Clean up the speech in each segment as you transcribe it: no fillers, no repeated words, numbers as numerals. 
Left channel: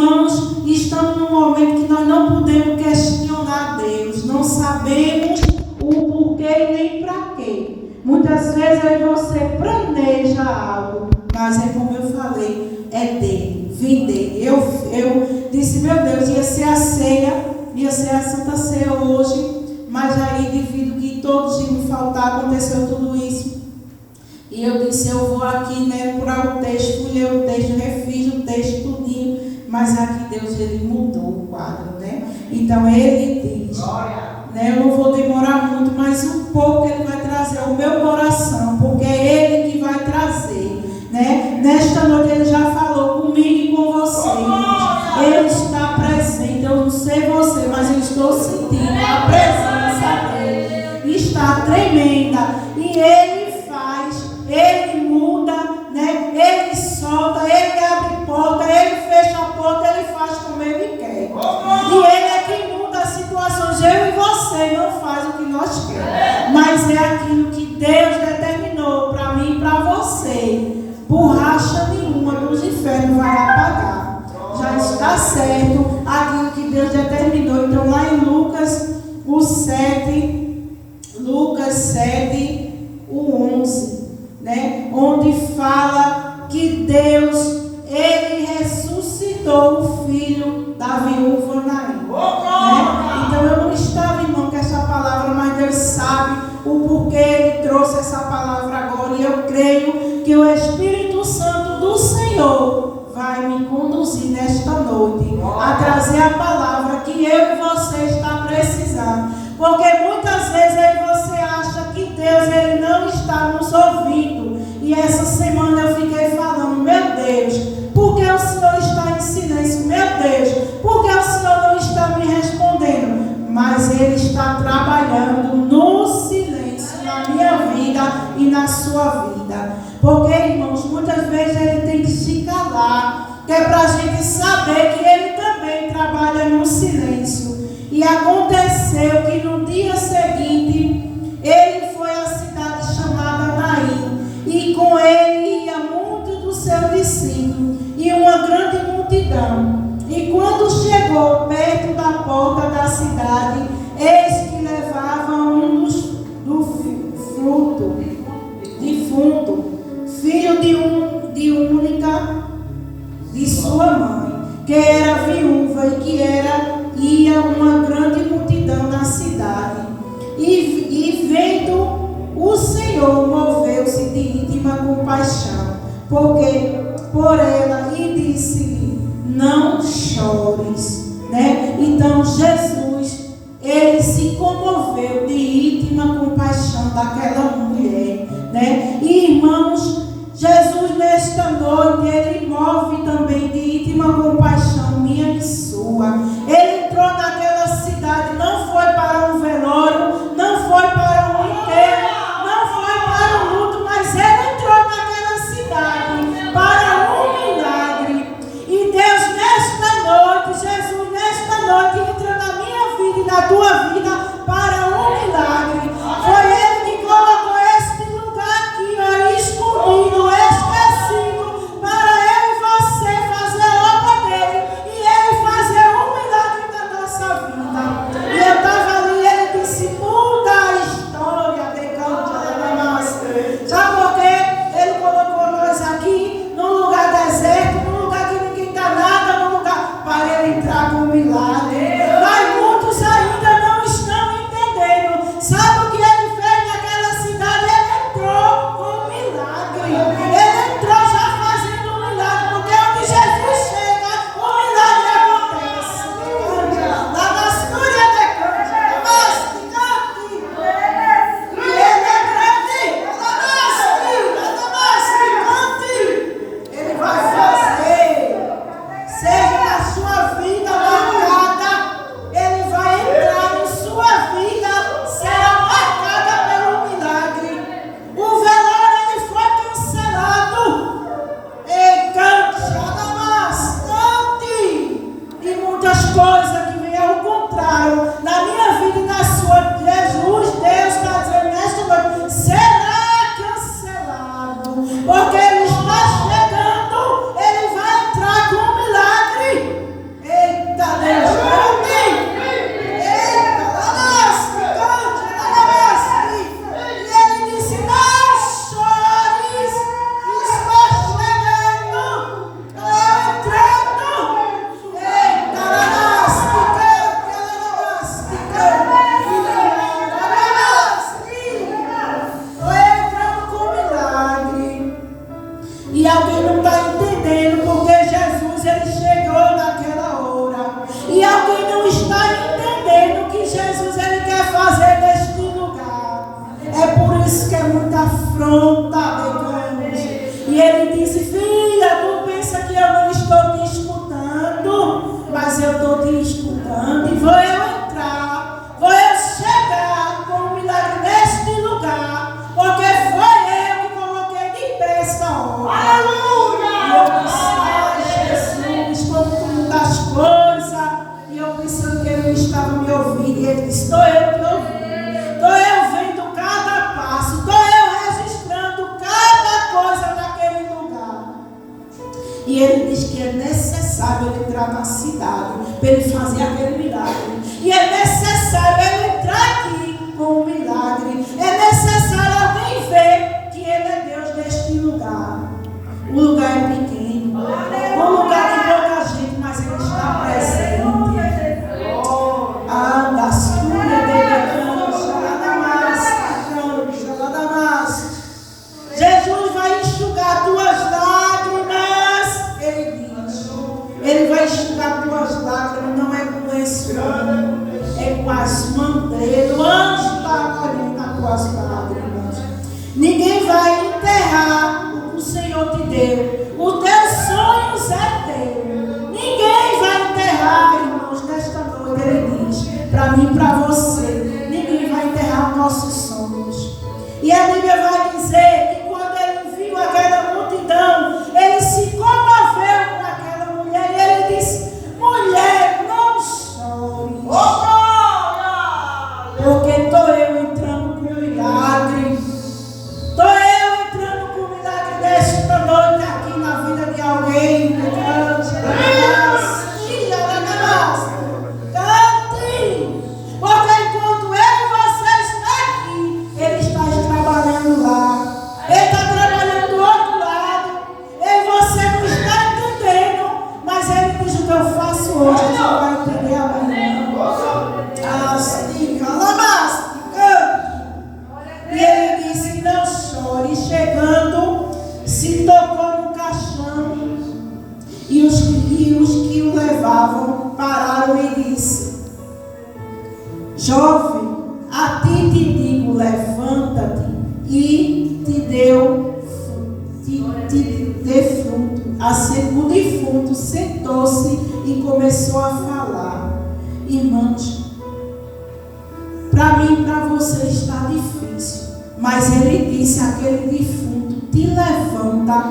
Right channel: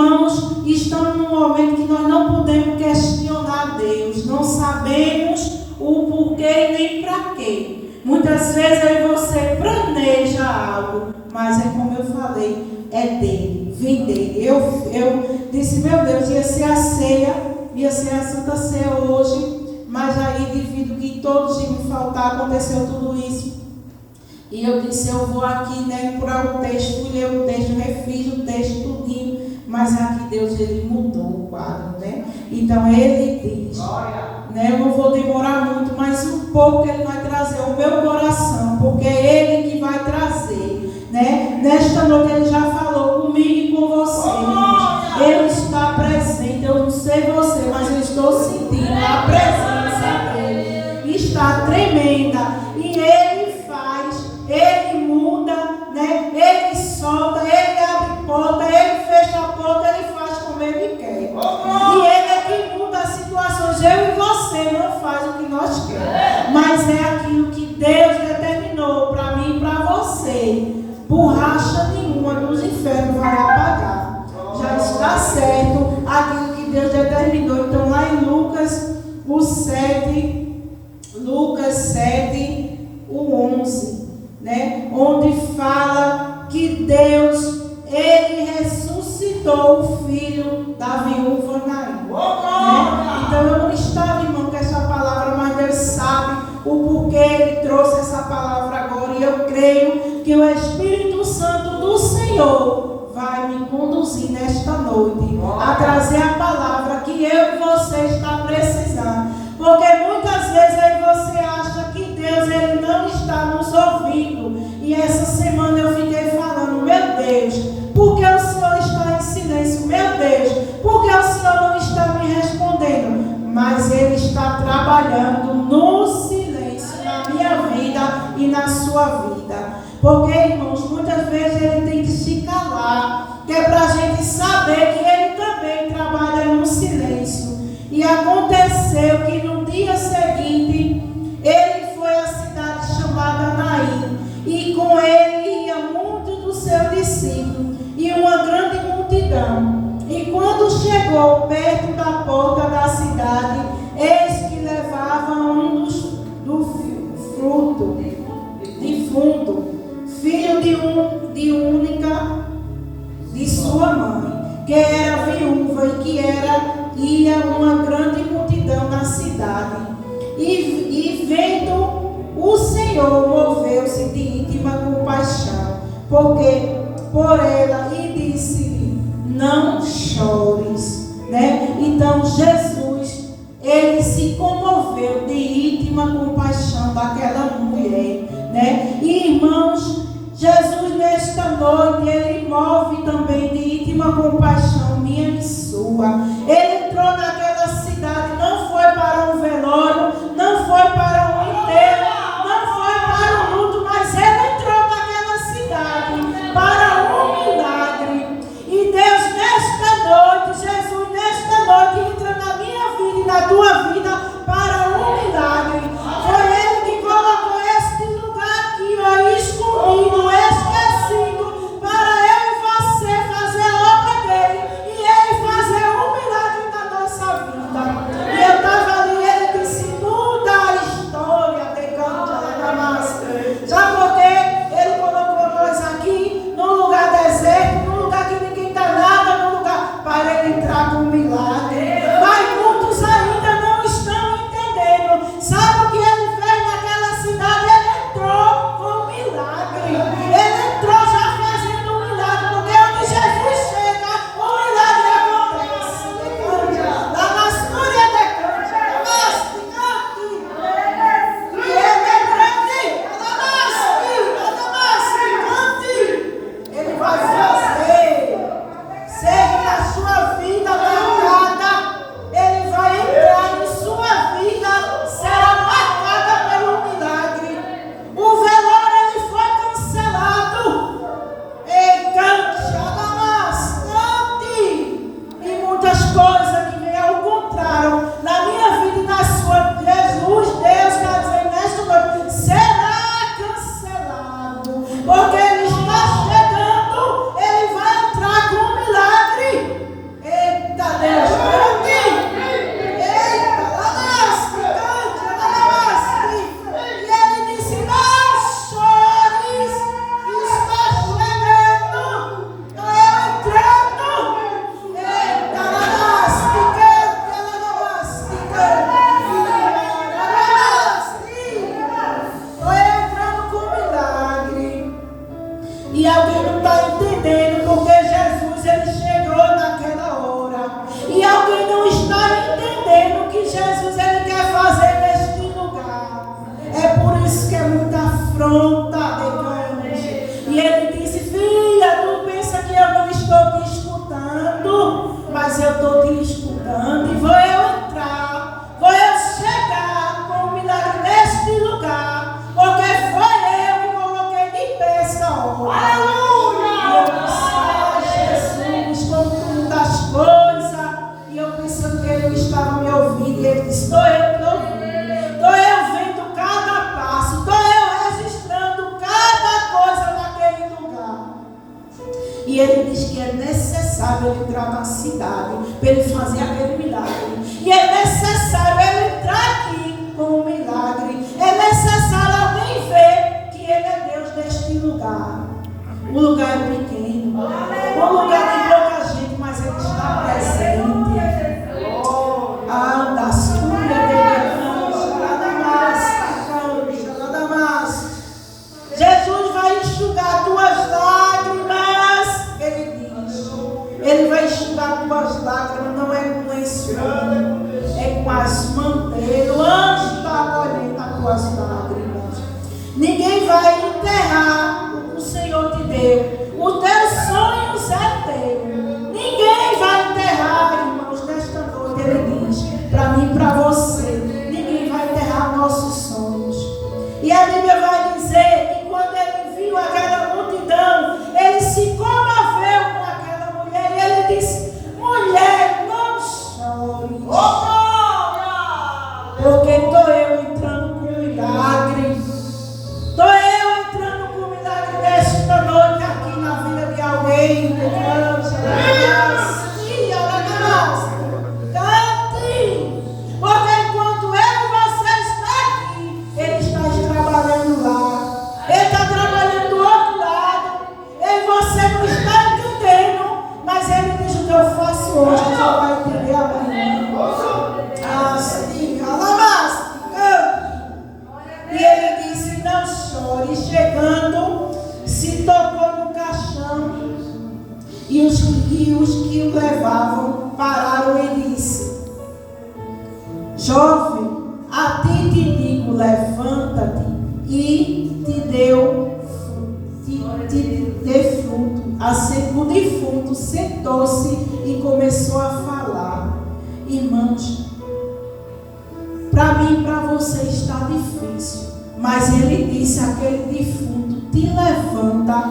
Irmãos, estamos num momento que nós não podemos questionar Deus, não sabemos o porquê e nem para quê. Muitas vezes aí você planeja algo, mas é como eu falei, é dele, vem dele. Eu disse, meu Deus, ia ser a ceia, ia ser a Santa Ceia hoje, mas aí devido que todos iam me faltar, aconteceu tudo isso. E eu disse, eu vou aqui, né, procurar o texto, fui ler o texto, refiz o texto tudinho, mas aqui Deus, ele mudou o quadro, né? Então ele diz, né, eu não vou demorar muito, mas um pouco ele vai trazer o meu coração, porque é ele que vai trazer, né? Nesta noite ele já falou comigo e com você, irmãos. Ele está presente, eu não sei você, mas eu estou sentindo a presença dele, está tremenda, e ele muda, né? Ele solta, ele abre porta, ele fecha a porta, ele faz como ele quer. E ele é que muda as situações. Eu e você não faz o que nós queremos, mas é aquilo que Deus determinou para mim e para você. Borracha nenhuma dos infernos vai apagar. Já está certo aquilo que Deus determinou. Então lá em Lucas 7, o 11. Né? Onde fala que Deus, ele ressuscitou o filho da viúva Naim. Né? Então eu não estava, irmão, com essa palavra, mas Deus sabe o porquê ele trouxe essa palavra agora. E eu creio que o Espírito Santo do Senhor vai me conduzir nesta noite a trazer a palavra que eu e você está precisando. Porque muitas vezes aí você acha que Deus, ele não está nos ouvindo. E essa semana eu fiquei falando, meu Deus, por que o Senhor está em silêncio? Meu Deus, por que o Senhor não está me respondendo? Mas ele está trabalhando no silêncio na minha vida e na sua vida. Porque, irmãos, muitas vezes ele tem que se calar, que é para a gente saber que ele também trabalha no silêncio. E aconteceu que no dia seguinte, ele foi à cidade chamada Naim, e com ele ia muito do seu discípulo, e uma grande multidão. E quando chegou perto da porta da cidade, eis que levavam um defunto, filho de única de sua mãe, que era viúva e que ia uma grande multidão na cidade. E vendo o Senhor, moveu-se de íntima compaixão por ela e disse-lhe, não chores, né? Então Jesus, ele se comoveu de íntima compaixão daquela mulher, né? E irmãos, Jesus nesta noite, ele move também de íntima compaixão minha e sua. Ele entrou naquela cidade, não foi para um velório, não foi para um enterro, não foi para um luto, mas ele entrou naquela cidade para um milagre. E Deus nesta noite, Jesus nesta noite, entra na minha vida e na tua vida para um milagre. Foi ele que colocou este lugar aqui, ó, escondido, esquecido, para eu e você fazer a obra dele e ele fazer um milagre na nossa vida. E eu estava ali e ele disse, muda a história de Cantarelamaster. Sabe por quê? Ele colocou nós aqui num lugar deserto, num lugar que ninguém está nada, num lugar para ele entrar com um milagre. Mas muitos ainda não estão entendendo. Sabe o que ele fez naquela cidade? Ele entrou com um milagre. Ele entrou já fazendo um milagre, porque onde Jesus chega, o milagre acontece. Lá na história de Cântia, e ele é grande, ele vai fazer, seja na sua vida marcada, ele vai entrar em sua vida, será marcada pelo milagre. O velório ele foi cancelado. Ei, e muitas coisas que me encontraram na minha vida e na sua. Jesus, Deus está dizendo nesta noite, será cancelado, porque ele está chegando, ele vai entrar com um milagre. necessário ele entrar na cidade, para ele fazer aquele milagre. E é necessário ele entrar aqui com o milagre. É necessário alguém ver que ele é Deus neste lugar. O lugar é pequeno, um lugar de pouca gente, mas ele está presente. Anda, sura de Jesus vai enxugar tuas lágrimas. Ele diz, ele vai enxugar tuas lágrimas, não é com esse ano, é com as manteigas. O anjo está colhendo as tuas lágrimas. Ninguém vai enterrar o que o Senhor te deu. Os teus sonhos é teu. Ninguém vai enterrar, irmãos, nesta noite. Ele diz, para mim e para você, ninguém vai enterrar os nossos sonhos. E a Bíblia vai dizer que quando ele viu aquela multidão, ele se comoveu com aquela mulher e ele disse, mulher, não chore, porque estou eu entrando com o milagre. Estou eu entrando com o milagre desta noite aqui na vida de alguém. Porque enquanto eu e você está aqui, ele está trabalhando lá. Ele está trabalhando do outro lado. Ele e você não está entendendo. Mas ele diz o que eu faço hoje, você vai entender amanhã. E ele disse, não chore. Chegando, se tocou no caixão. E os que o levavam pararam e disse, jovem, a ti te digo, levanta-te e te dê fruto. O defunto sentou-se e começou a falar. Irmãos, para mim e para você está difícil, mas ele disse aquele defunto, te levanta,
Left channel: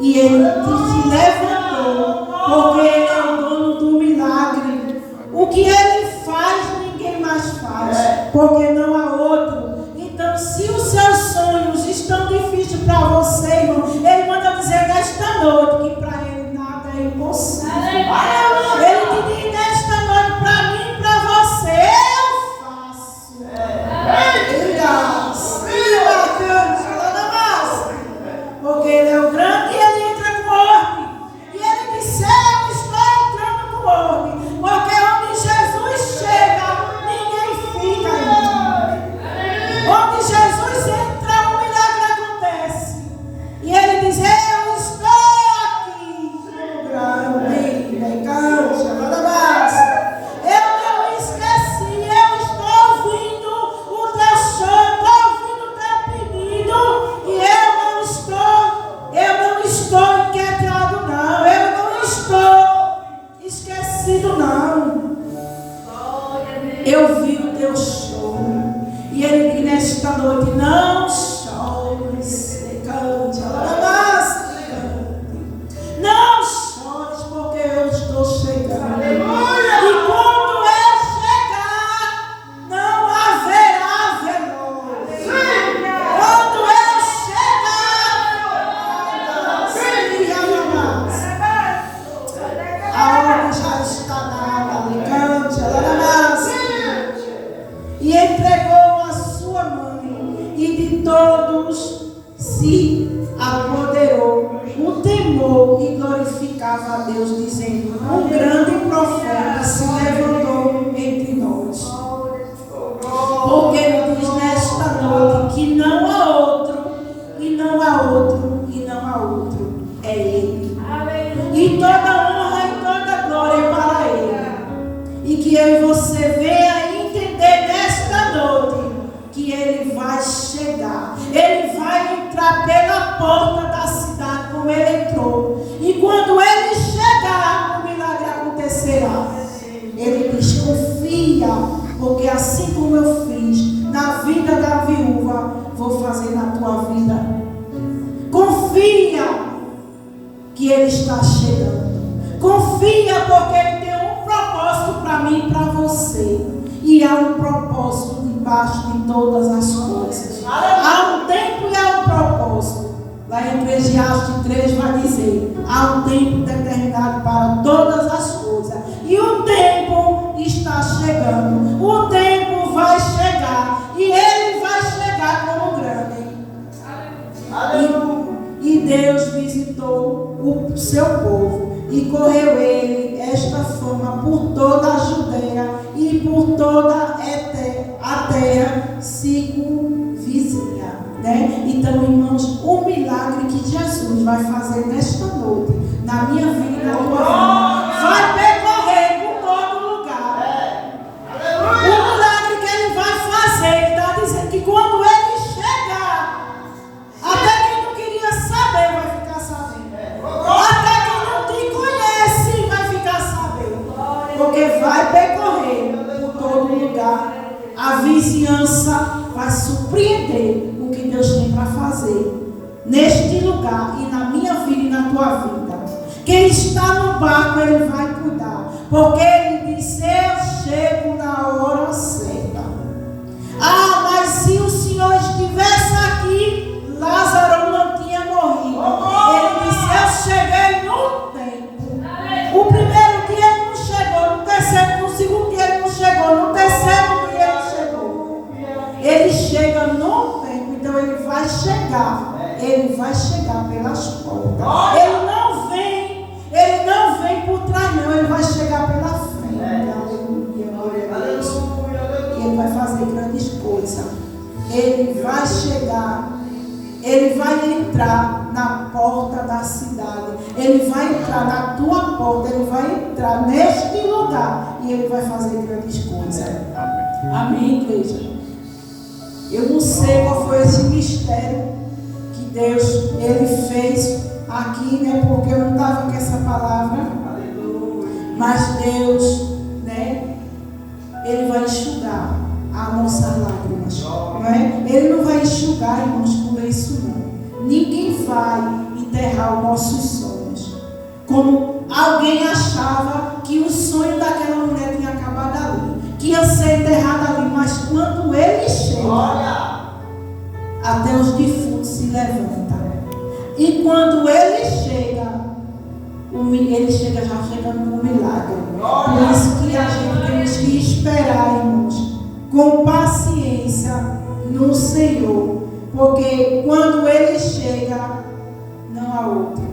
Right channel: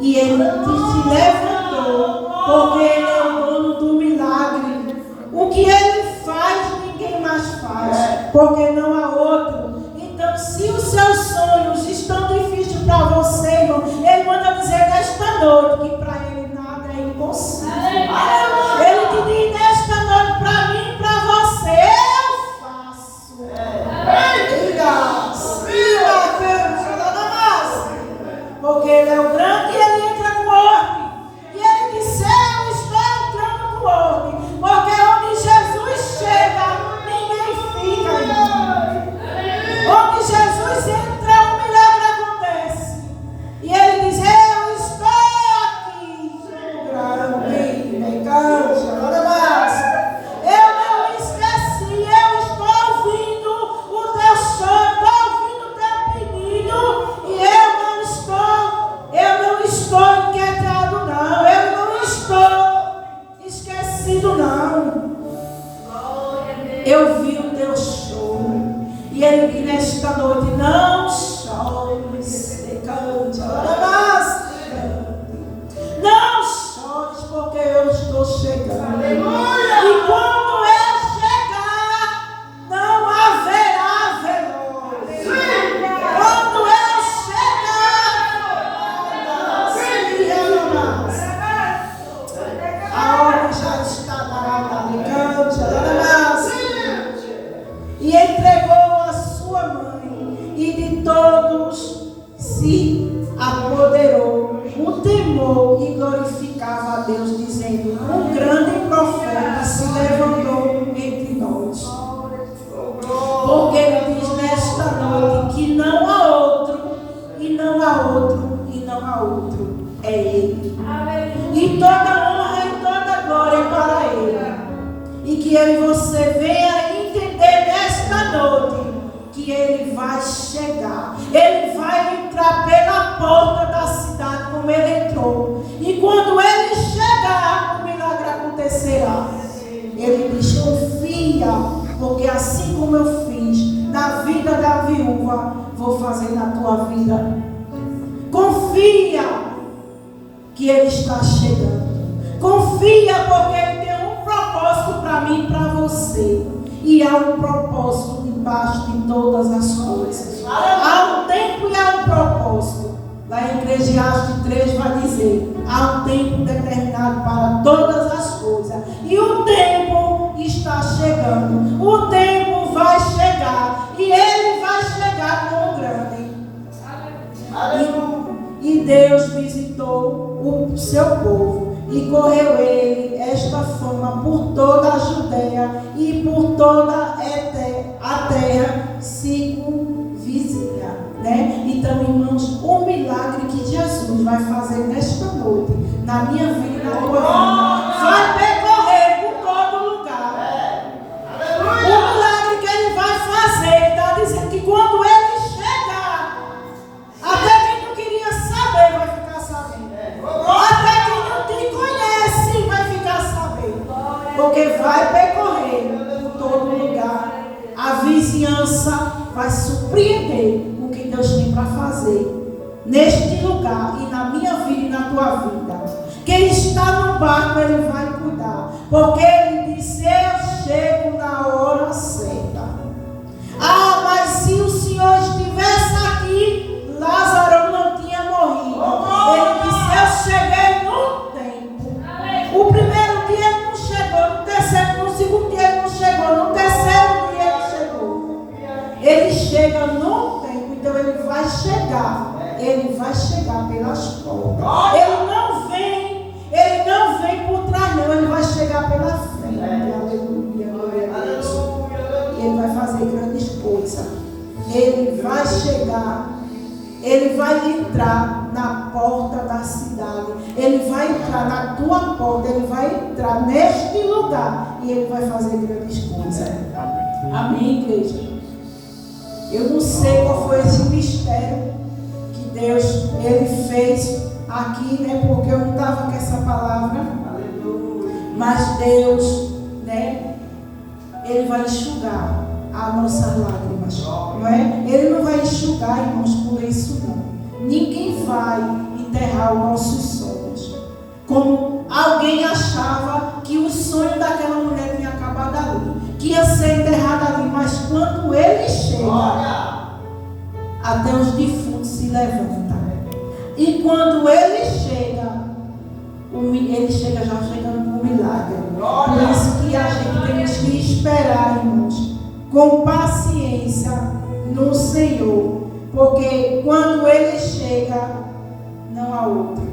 e ele te levantou, porque ele é o dono do milagre. O que ele faz, ninguém mais faz, porque não há outro. Então, se os seus sonhos estão difíceis para você, irmão, ele manda dizer nesta noite que para ele nada é impossível. Ele te diz nesta noite, para mim e para você, eu faço. Porque ele é o grande e ele entra com ordem. E ele disse, eu estou entrando com ordem. Porque onde Jesus chega, ninguém fica, irmão. Onde Jesus entra, o milagre acontece. E ele diz, eu estou aqui. Eu não esqueci, eu estou ouvindo o teu choro, estou ouvindo o teu pedido. E eu não estou inquietado, não. Eu não estou esquecido, não. Eu vi o teu choro. E ele diz nesta noite, não chores. Não chores, porque eu estou chegando. E quando eu chegar, não haverá veloz. Quando eu chegar, a hora já está dada. E entregou a sua mãe, e de todos se apoderou o temor e glorificava a Deus, dizendo, um grande profeta se levantou entre nós. Porque ele diz nesta noite que não há outro, e não há outro, e não há outro. É ele. E toda honra e toda glória para ele. E que eu e você venha entender nesta noite que ele vai chegar. Ele vai entrar pela porta da cidade como ele entrou. E quando ele chegar, o milagre acontecerá. Ele diz, confia, porque assim como eu fiz na vida da viúva, vou fazer na tua vida. Confia que ele está chegando. Confia, porque ele tem um propósito para mim e para você. E há um propósito debaixo de todas as coisas. Há um tempo e há um propósito. Lá em Eclesiastes 3 vai dizer, há um tempo determinado para todas as porque vai percorrer por todo lugar. A vizinhança vai surpreender o que Deus tem para fazer neste lugar e na minha vida e na tua vida. Quem está no barco, ele vai cuidar, porque ele disse: eu chego na hora certa. Ah, mas se o Senhor estivesse aqui, Lázaro não tinha morrido. Ele disse: eu cheguei no tempo. O primeiro dia ele não chegou, no terceiro, no segundo dia ele não chegou, no terceiro dia ele chegou. Ele chega no tempo, então ele vai chegar. Ele vai chegar pelas portas. Ele não vem por trás, não. Ele vai chegar pela frente. Aleluia, glória a Deus. E ele vai fazer grandes coisas. Ele vai chegar. Ele vai entrar na porta da cidade. Ele vai entrar na tua porta. Ele vai entrar neste lugar. E ele vai fazer grandes coisas. Amém, igreja? Eu não sei qual foi esse mistério que Deus, ele fez aqui, né? Porque eu não estava com essa palavra. Mas Deus, né? Ele vai enxugar as nossas lágrimas, não é? Ele não vai enxugar, irmãos, por isso não. Ninguém vai enterrar os nossos sonhos. Como alguém achava que o sonho daquela mulher tinha acabado ali, que ia ser enterrado ali, mas quando ele chega, até os defuntos se levantam. E quando ele chega já chegando com milagre. Por isso que a gente temos que esperar, irmãos, com paciência no Senhor. Porque quando ele chega, não há outro.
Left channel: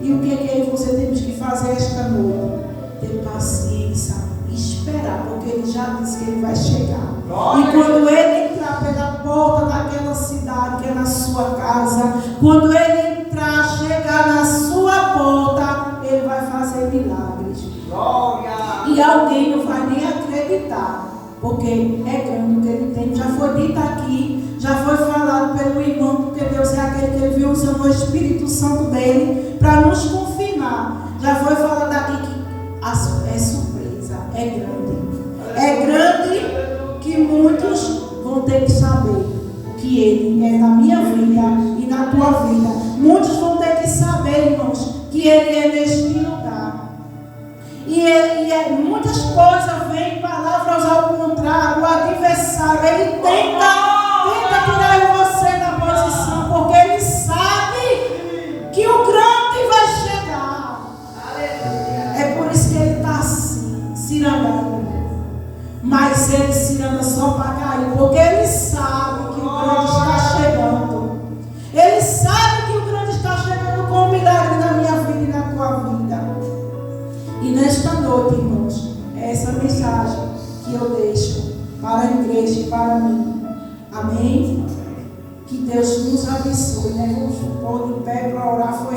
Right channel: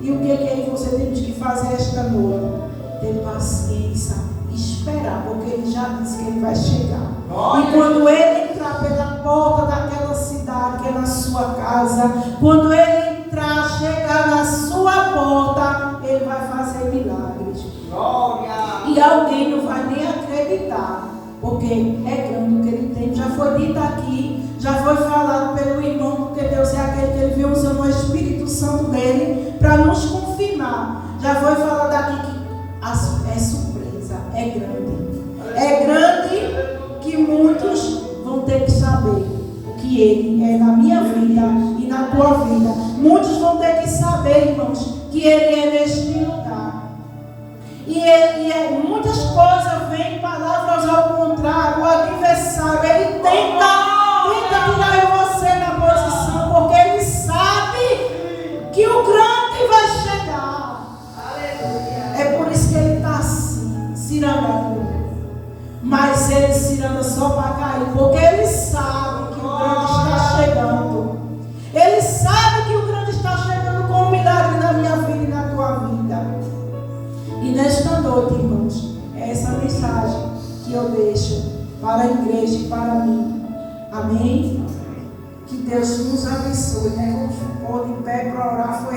E o que você tem que fazer esta noite? Ter paciência, esperar, porque ele já disse que ele vai chegar. E quando ele entrar pela porta daquela cidade, que é na sua casa, quando ele entrar, chegar na sua porta, ele vai fazer milagres. E alguém não vai nem acreditar, porque é grande o que ele tem. Já foi dito aqui, já foi falado pelo irmão, porque Deus é aquele que ele viu usando o Espírito Santo dele para nos confirmar. Já foi falado aqui que é surpresa, é grande. É grande que muitos vão ter que saber o que ele é na minha vida e na tua vida. Muitos vão ter que saber, irmãos, que ele é neste lugar. Muitas coisas vêm, palavras ao contrário. O adversário, ele tenta tirar você da posição, porque ele sabe que o grande vai chegar. É por isso que ele está assim, cirandando. Mas ele ciranda só para cair, porque ele sabe que o grande está chegando. Ele sabe que o grande está chegando com milagre na minha vida e na tua vida. E nesta noite, irmãos, é essa mensagem que eu deixo para a igreja e para mim. Amém? Que Deus nos abençoe, né? Vamos pôr de pé para orar. Foi